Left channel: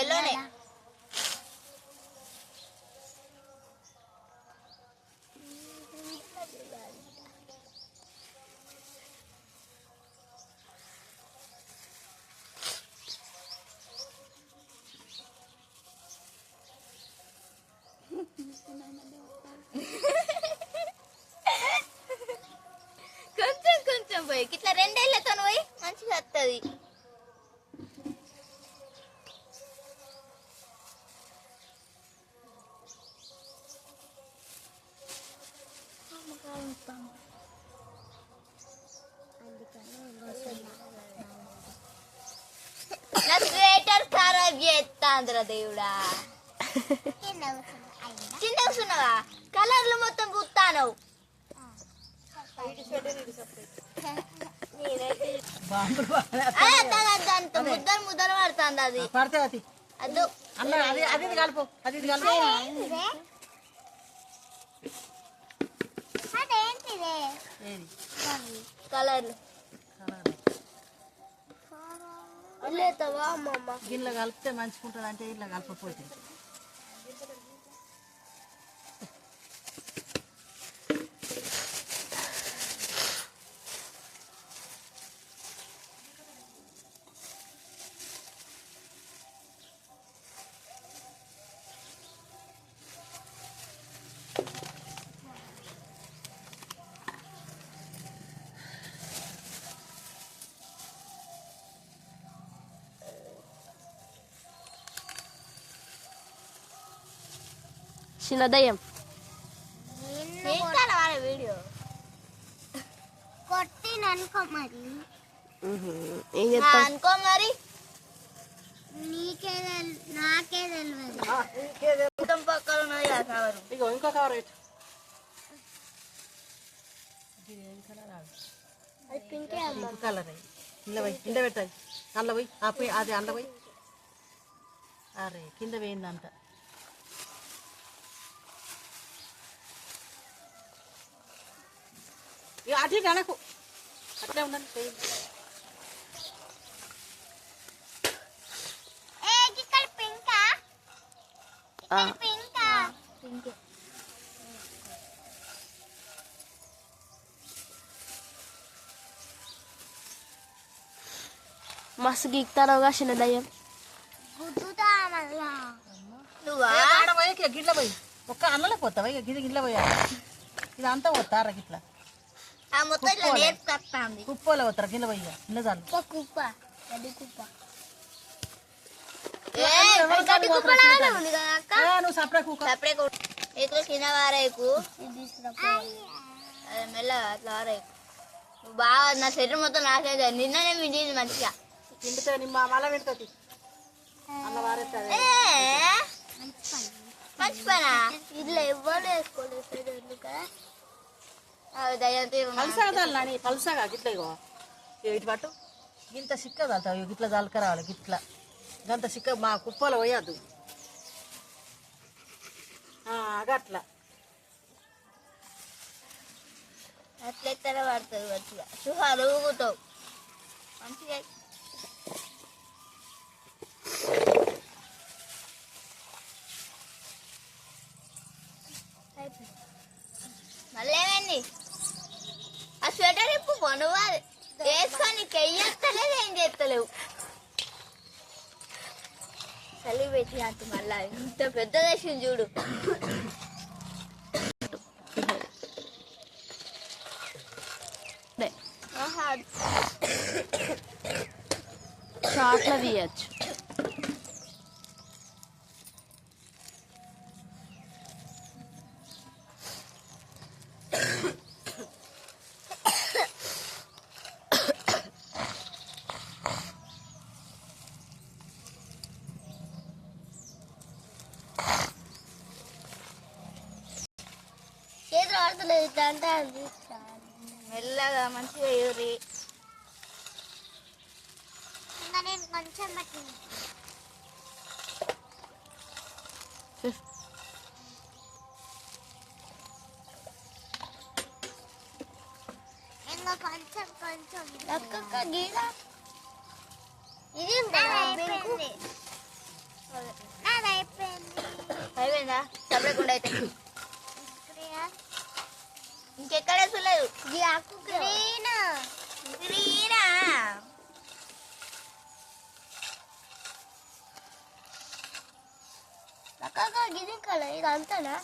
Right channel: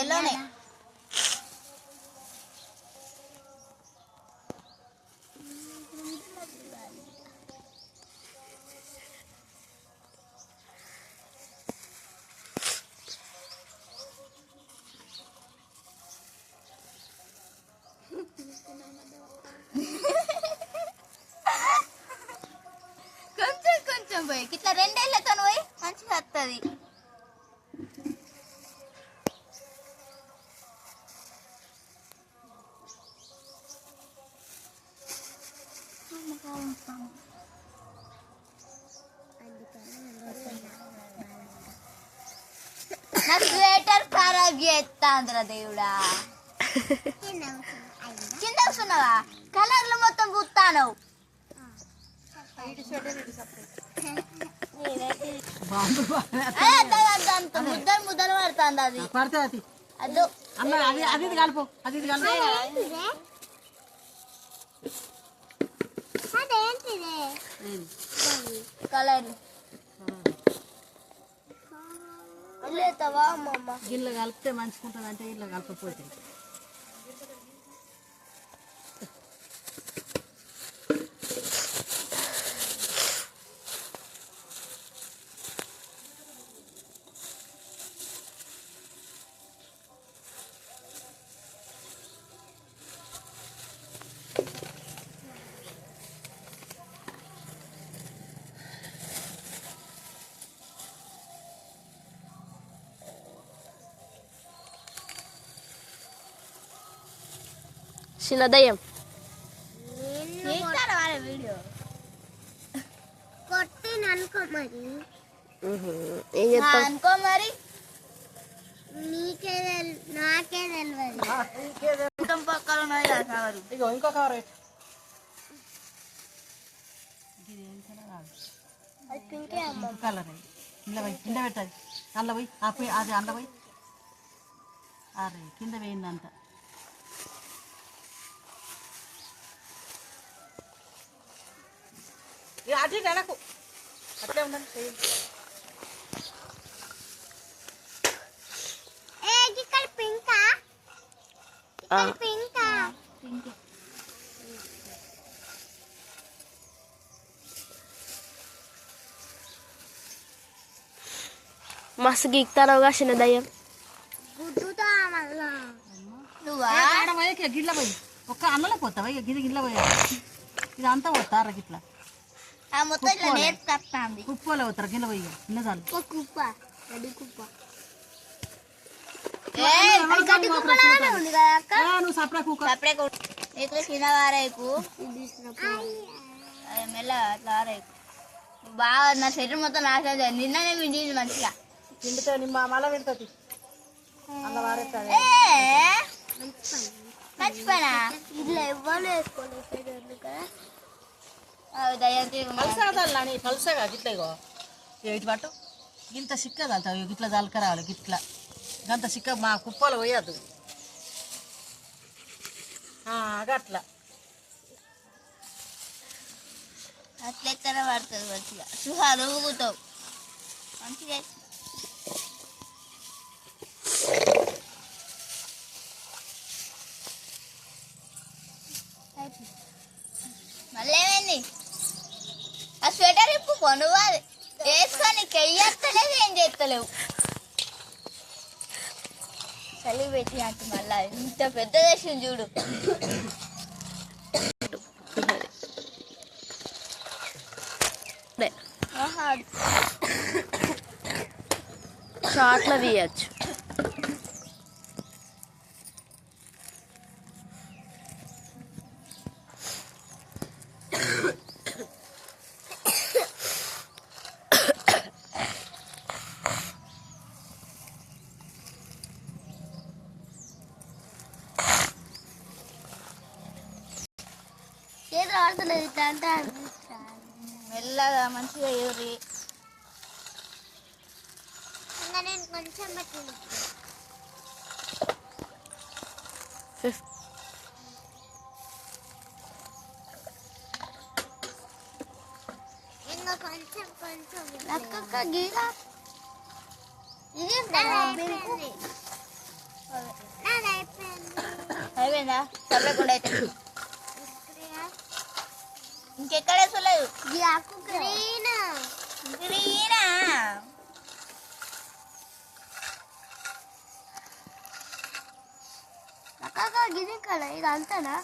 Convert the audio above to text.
ఎల్లోనే కొంచెం కొంచెం పోయి ఇట్లా రెండేళ్లతో పోయి మంచిగా వస్తుంది. నా స్వేటర్ ఖరాబ్ చేస్తాంద్రా దేవుడా. కింద వస్తున్నావా? కలర్లు మొత్తం పూస్తాను. ముద్దలు ముద్దలు పడుతుంది. అది అదో అది కలుపు అది కలర్లు లేతావా అమ్మమ్మ? గిన్నె కలిపితే మంచుకుంటుంది అంటే ఇట్లా కలపపోతే చిన్నదయ్యం వీడియో కొట్టి అనుకో మరి. ఏం చెప్తా అనుకో మరి, నీకే నాకే తెలియదు. పక్కన ఉన్నది కవరు. ఇంకో కవర్ కలర్ ఇంట్లో పోయి కింద పెట్టాలి. అందులో పోయి అది అందులో పోయి అరే కింద పోయింది అంత. అది వెనకు అట్లే ఉన్నది. మస్తు గీక్తారావుగా చిన్నదయ్యం. గిట్ల పోయి ఒక్క అన్నలో పోతావా? గిది గిట్ల పోయా ఇది అంతా పోతారా గిట్లా కుప్పలో పోతారా? గిన్నె పోయి గిన్నె చాలు. నువ్వు సపరే సపరే ఇట్లా చిన్న వారేకు మెల్ల అట్లా వారేకు బాగా. నా శరీరం మొత్తం నాశనం. నిన్ననే మించింది మంచిగా. కిందతో మళ్ళీ పెడుతుంది అలా వారేస్తారు. మర్చిపోయినా ఇట్లా ఎవ్వరు వేసుకోలేదు కదా. పలుసగా గిట్ల ఇగో ఇటు పట్టు గింత సిక్క చల్తావు. గిట్ల చల్లక రావాలి. గిట్ల గంత సిక్క మా కుప్పలో పోయద్దు. అట్లా అట్లెత్తర పడుతుంది మంచిగా. సుహాలు ఊగుతావు మంచిగా. మళ్ళీ ఏమైంది? ఆ స్వెటర్ ఇప్పు నువ్వు వేసుకొని కెయ్యత్తలేదు, ఏం చేస్తలేవు. చలి పెట్టి అంటే మళ్ళా ఇంత పెద్ద వేసింది చూడు. షార్ట్లో తీయచ్చు. చేతులు ఆడుతలేదు ఇట్లా అంటే మెల్లగా మంచిగా ఎదురి. నేను కొంచెం కొంచెం కొంచెం గీలా ఇది అయిపోయిందా సపరేకుండా అయితే ఇంకెక్కడ వేసలేదు గిది కదా ఇది అంతేనా